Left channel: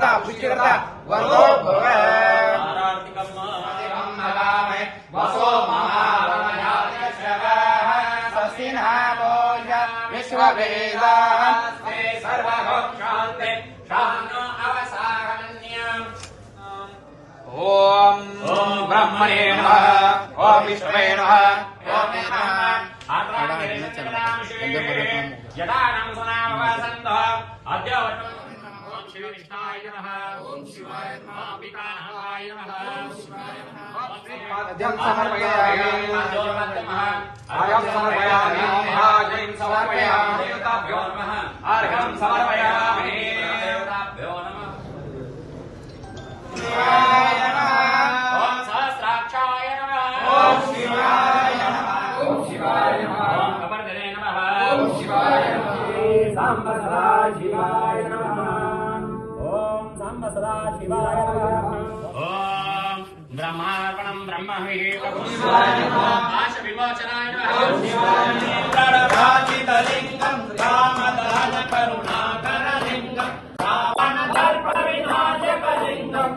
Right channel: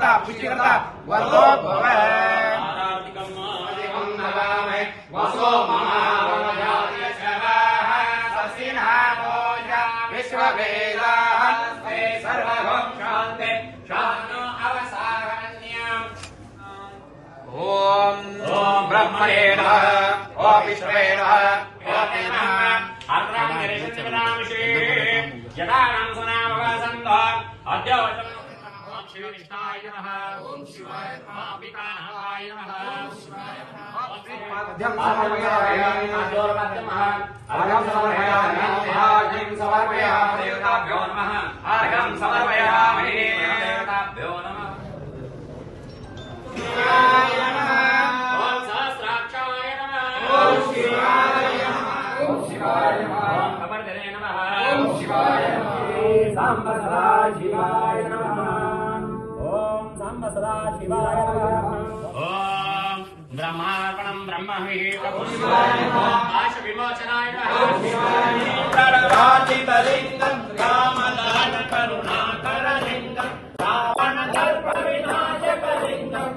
पुष्टिकर्ता पुष्टिकर्ता वर्गो भव वसो विश्ववेदाः सर्वभक्षान्ते शानो अवसारण्यम् ओम ब्रह्मणे नमः ओम विष्णवे नमः ओम नमः आत्रांगेशनामिषे यदानां सनामवसन्तो अद्य ओम शिवविष्णाय नमः ओम शिवाय नमः अम्बिकाय नमः ओम शिवाय नमः अद्यं समर्पयामि अद्योर्मध्यमः अर्घ्यं समर्पयामि अर्घ्यं समर्पयामि देवताभ्यो नमः अर्घ्यं समर्पयामि देवताभ्यो नमः शिवाय नमः ओम सहस्राक्षाय नमः ओम शिवाय नमः ओम शिवाय नमः ओम कपर्दने नमः ओम शिवाय नमः सांब सदा शिवाय नमः ओम सांब सदा शिवाय नमः ओम ब्रह्मार्पणं ब्रह्मविहितपुष्पाय पाश विमोचनाय नमः ओम शिवाय नमः प्रणवाचितलिङ्गं रामदान करुणाकरलिङ्गं रावणदर्पविनाशकलिङ्गं